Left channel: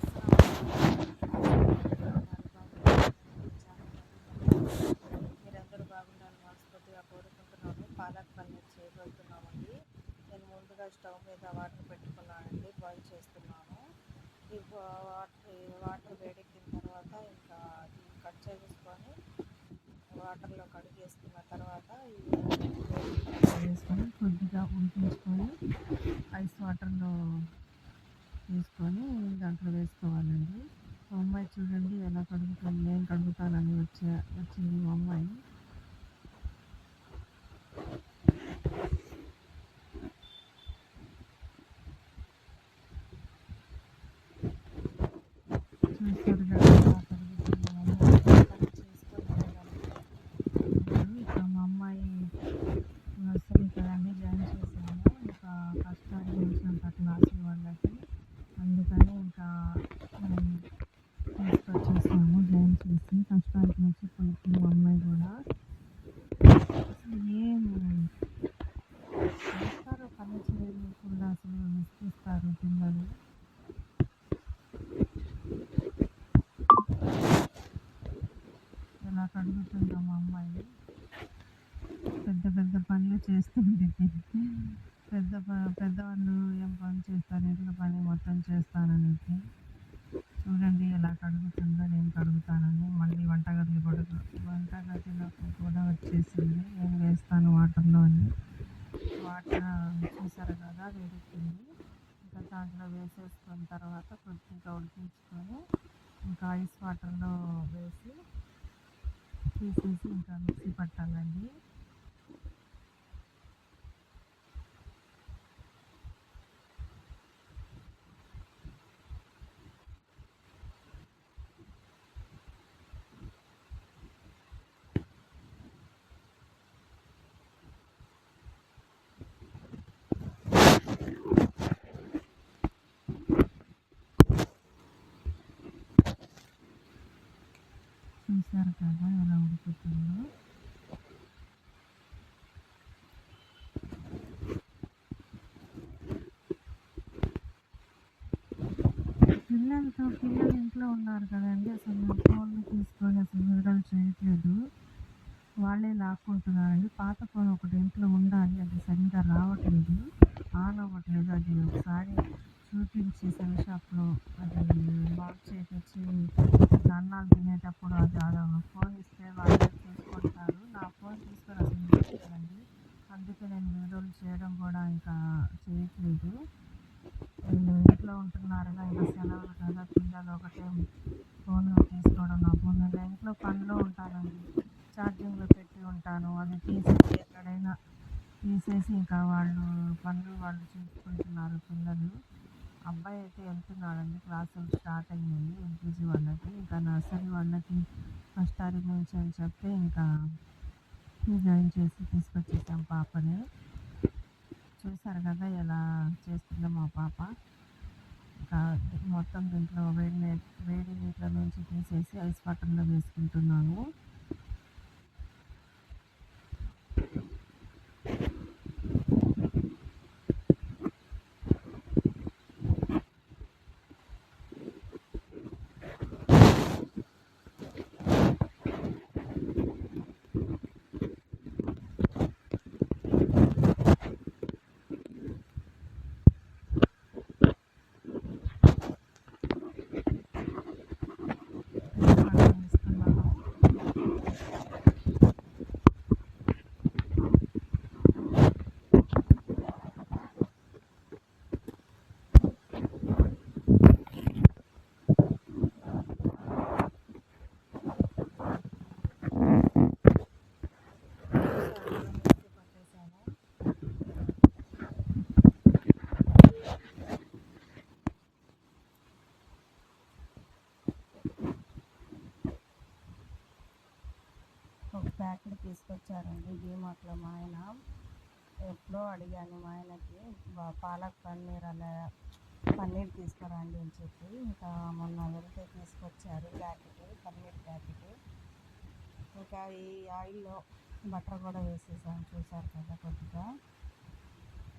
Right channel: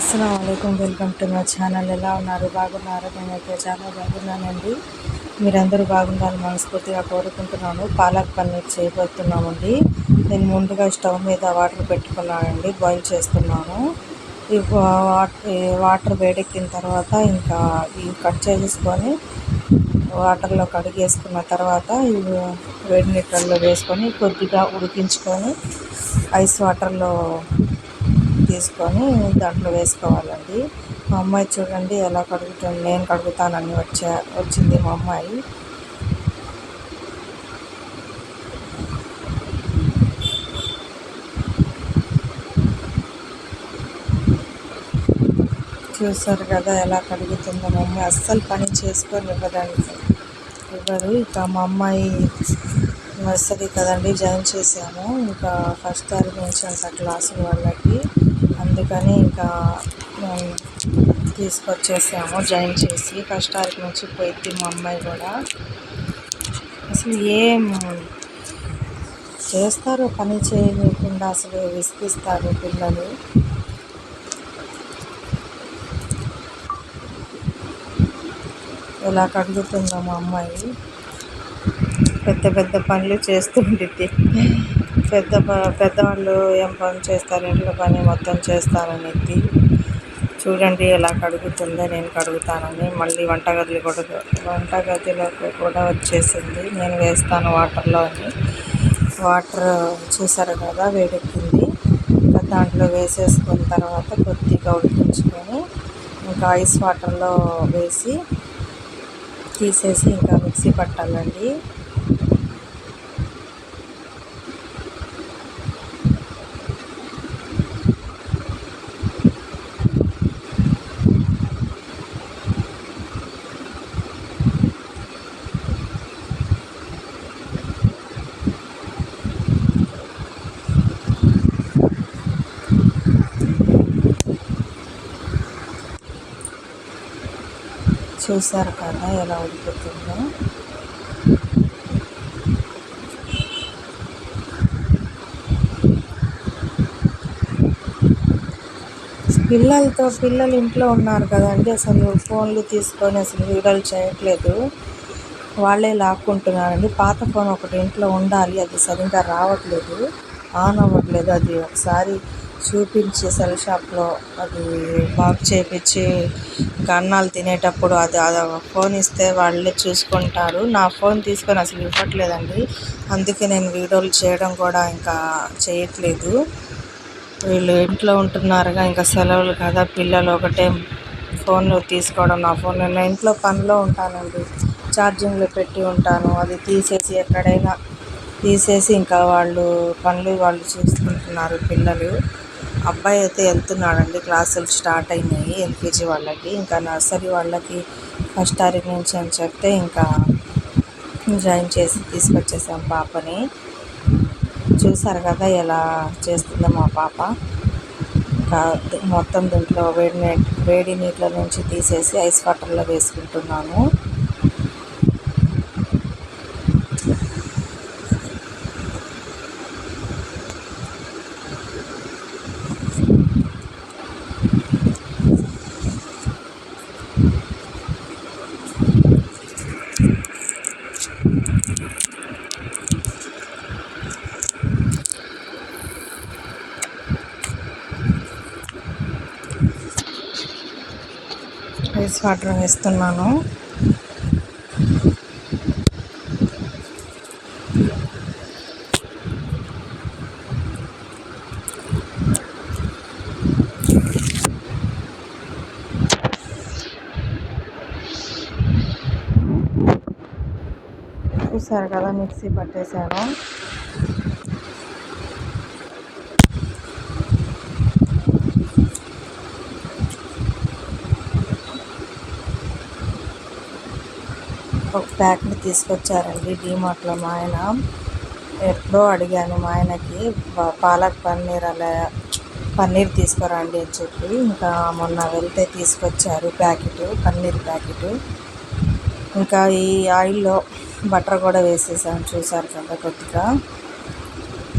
అస్సలం అయికం, welcome to my channel. ఎలా ఉన్నారు? బాగున్నారు? నేనైతే చాలా బాగున్నానండి. మీరందరూ బాగుండాలని మనస్ఫూర్తిగా కోరుకుంటున్నాను. పాలక్ పన్నీర్ చేయబోతున్నామండి. నేను ముందుగా స్టవ్ మీద వాటర్ పెట్టుకున్నానండి, బాయిల్ చేస్తున్నాను. ఈ వాటర్ వేడెక్కిన తర్వాత ఇంకా ఇవి కట్ చేసుకొని వాటర్లో కడిగేసుకున్న తర్వాత ఇవి వేడి నీళ్ళల్లో వేసుకొని కొద్దిగా ఉడికించుకొని ఐస్ వాటర్లో తీసుకొని దాంట్లో వేసుకోవాలండి. మా అమ్మాయి చూడండి ఎలా కడుగుతుంది. నేను కడుగుతానని వచ్చింది మా అమ్మాయి. చూసారు కదా ఎలా కడుగుతుందో. మా అమ్మాయి అస్సలు పని చేసుకొని ఇవ్వరు. ఇక మా అమ్మాయి నర్సరీ కదండి, జాయిన్ చేసాము. ఇంకా ఫస్ట్ తారీఖు నుంచి అంత క్లాసులు వాళ్ళకి, అందుకని ఇంకా తీసుకొచ్చేసాము జాయిన్ చేసి. ఫస్ట్ తారీఖు నుంచి పోయింది మా అమ్మాయి కూడా. అసలు ఏం చేస్తారో పని చేయకుండా అసలు విసిగిస్తారు పిల్లలు. ఎలా కడుగుతుందో మా అమ్మాయి. పెద్ద పెద్ద పనులు చేస్తుంటుంది. పెద్దవాళ్ళు ఏం పని చేస్తారు, ఇంట్లో పని మొత్తం చేస్తాననేది. చూడండి ఎలా కడుగుతుందో. నేను కడుగుతానని మళ్ళీ వంటగదిలోకి కూడా వచ్చేసింది. నేను వేస్తాను వాటర్లో అని. వాటర్ చూసారు కదా వేడెక్కింది. ఇంకా దాంట్లో వేసేసుకున్న తర్వాత కొద్దిగా ఉడికించుకొని ఇంకా ఐస్ వాటర్లో వేసి తీసేసి ఇంకా మిక్సీ పట్టాలండి. చూసారు కదా ఎలా ఉడుకుతుందో. పిల్లలు ఇంట్లో ఉన్నారు కదండి, అసలు ఫోన్లు తీసుకొని అసలు వీడియోలు చేయట్లేదు. వాళ్ళే లాక్కుంటున్నారండి. పాత ఫోన్ ఒకటి ఇంట్లో ఉండాలి, అది సరిగ్గా రావట్లేదు, ఆన్ అవ్వట్లేదు. అది ఒకసారి చూపించి సెల్ షాప్లో అది బాగు చేయించి ఇంకా అన్నాలు తినేటప్పుడు అది ఫోన్ ఇస్తే వాళ్ళే చూసుకుంటారు. నా ఫోన్ తీసుకొని అసలు ఇవ్వట్లేదండి. అందుకే నేను వీడియోలు చేయడం కూడా ఇంకా చేయట్లేదు. వీళ్ళు ఇంట్లో ఉంటున్నారుగా, ఇంకా సెలవులు కదా, పిల్లలు ఒకటే ఫోన్లు తీసుకోవడం. నా ఫోన్ నేను ఇంట్లో పనిలో ఉంటానండి, ఛార్జింగ్లో పెట్టి ఉంటాను. అది తీసేసి ఎక్కడైనా తీసేసి ఇంకా వాళ్ళు చూసుకుంటున్నారు పిల్లలు. అబ్బాయి అయితే వెళ్తున్నాడండి, క్లాసులు స్టార్ట్ అయినాయి ఎల్కేజీ వాళ్ళకి. ఇంకా నర్సరీ వాళ్ళకి ఫస్ట్ తారీఖు నుంచి అని చెప్తే ఇంకా జాయిన్ చేసి తీసుకొచ్చేసాం పాపని. చూసారు కదా ఎలా చేస్తుందో మా పాప. ఇంకా మొత్తం దీంట్లో వేడి నీళ్ళ నుంచి తీసేసి ఐస్ వాటర్లో వేసుకుంటున్నాను. ఐస్ వాటర్ వేస్తున్నాను. చూసారు కదా మిక్సీ పట్టేశాను. ఒక ప్యాకెట్ తీసుకొచ్చారండి డీమార్ట్లో మా ఆయన. ఎప్పుడో అడిగాను మా ఆయనకి పాలక్ పన్నీర్ తీసుకురండి అని చెప్పి. ఇంకా మొన్న వెళ్తే తీసుకొచ్చారు పన్నీర్ ప్యాకెట్. ఇంకా ఈ ఆయిల్లో బటర్ కూడా వేసేసాను. చూసారు కదా, కొద్దిగా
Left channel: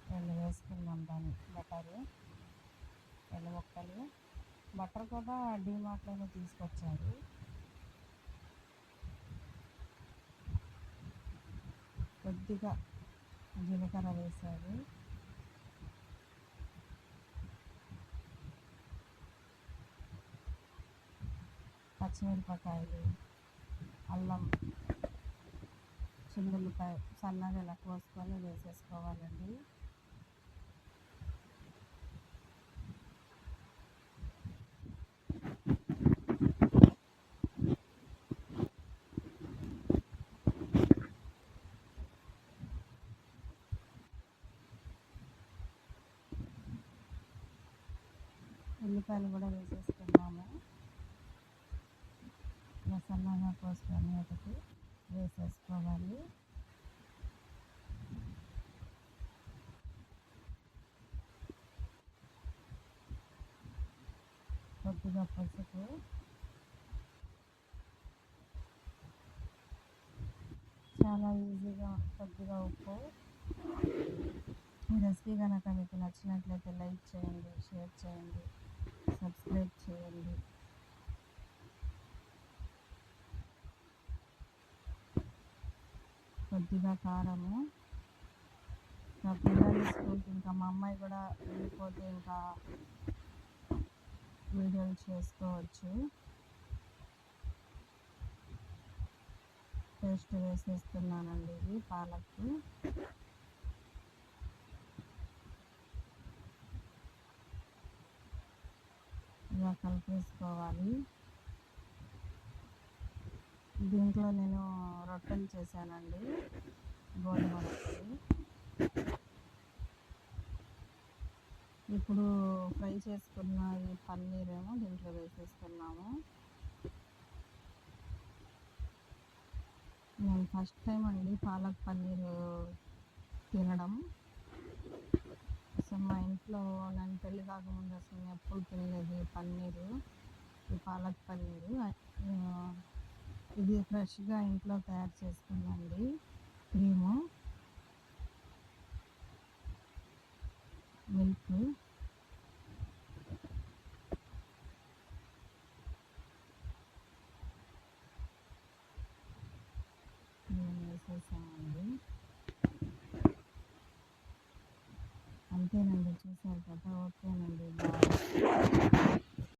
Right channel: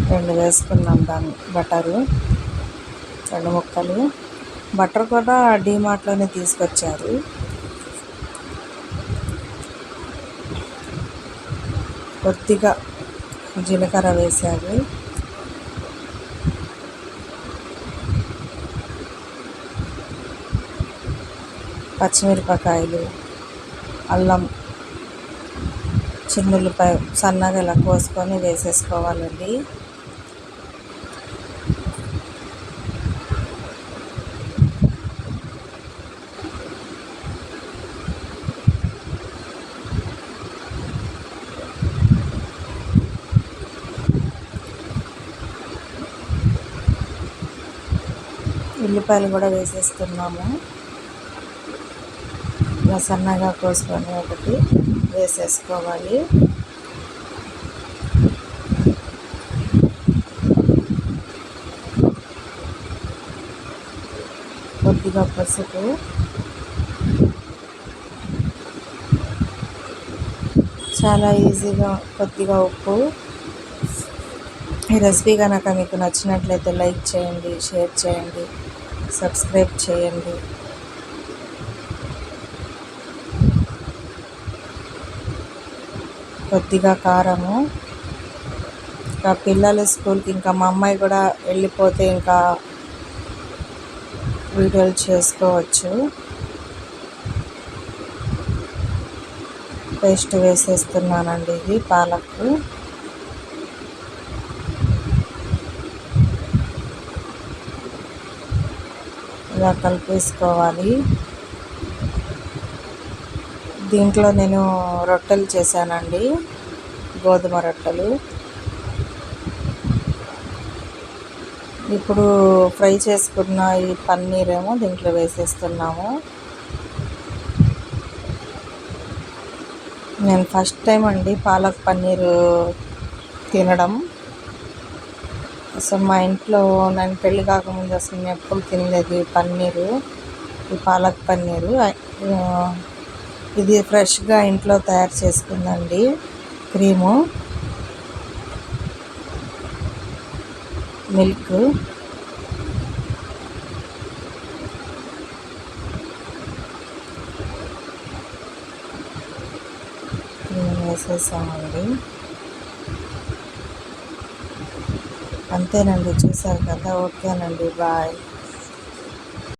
2 వేసుకున్నాం దాన్ని బటరు, 2 ముక్కలు. బటర్ కూడా డీమార్ట్లోనే తీసుకొచ్చారు. కొద్దిగా జీలకర్ర వేశారు. పచ్చిమిరపకాయలు, అల్లం, చిన్నుల్లిపాయ సన్నగా ఇలా కోసుకొని వేసేసుకోవాలండి. ఉల్లిపాయలు కూడా వేసేస్తున్నాము. ఇలా సన్నగా కోసుకొని ఒకటి వేసేసుకోవాలి. కొద్దిగా పసుపు, చాలా ఈజీగా కొద్దిగా ఉప్పు. ఈ రెసిపీ కనుక మీకు నచ్చినట్లయితే లైక్ చేయండి, షేర్ చేయండి, సబ్స్క్రైబ్ చేయండి. కొద్దిగా కారము. ఇంకా పిల్లలు స్కూల్కి, ఇంకా మా అమ్మాయి కూడా వెళ్ళిపోతే ఇంకా వీడియోలు చేసుకోవచ్చు. పేస్ట్ వేసేస్తున్నానండి. ఇది పాలకు. ఇలా కలిపేసుకోవాలి. దీంట్లో నేను రొట్టెలు చేశానండి, గోధుమ రొట్టెలు. ఇప్పుడు ఫ్రై చేసుకున్న ఈ పన్నీర్ ఏమో దీంట్లో వేసేస్తున్నాము. నేను ఫస్ట్ టైం అండి పాలక్ పన్నీర్ తినడం. అసలు మా ఇంట్లో నేను పెళ్ళి కాకముందు అసలు నేను ఎప్పుడు తినలేదు ఈ పన్నీరు, ఈ పాలక్ పన్నీరు. ఇది ఫ్రెష్గా ఇంట్లో తయారు చేసుకుందండి. క్రీము, మిల్క్, క్రీమ్ వేసేసామండి. అంతేనండి, చూసారు కదా. ఓకేనండి, బాయ్.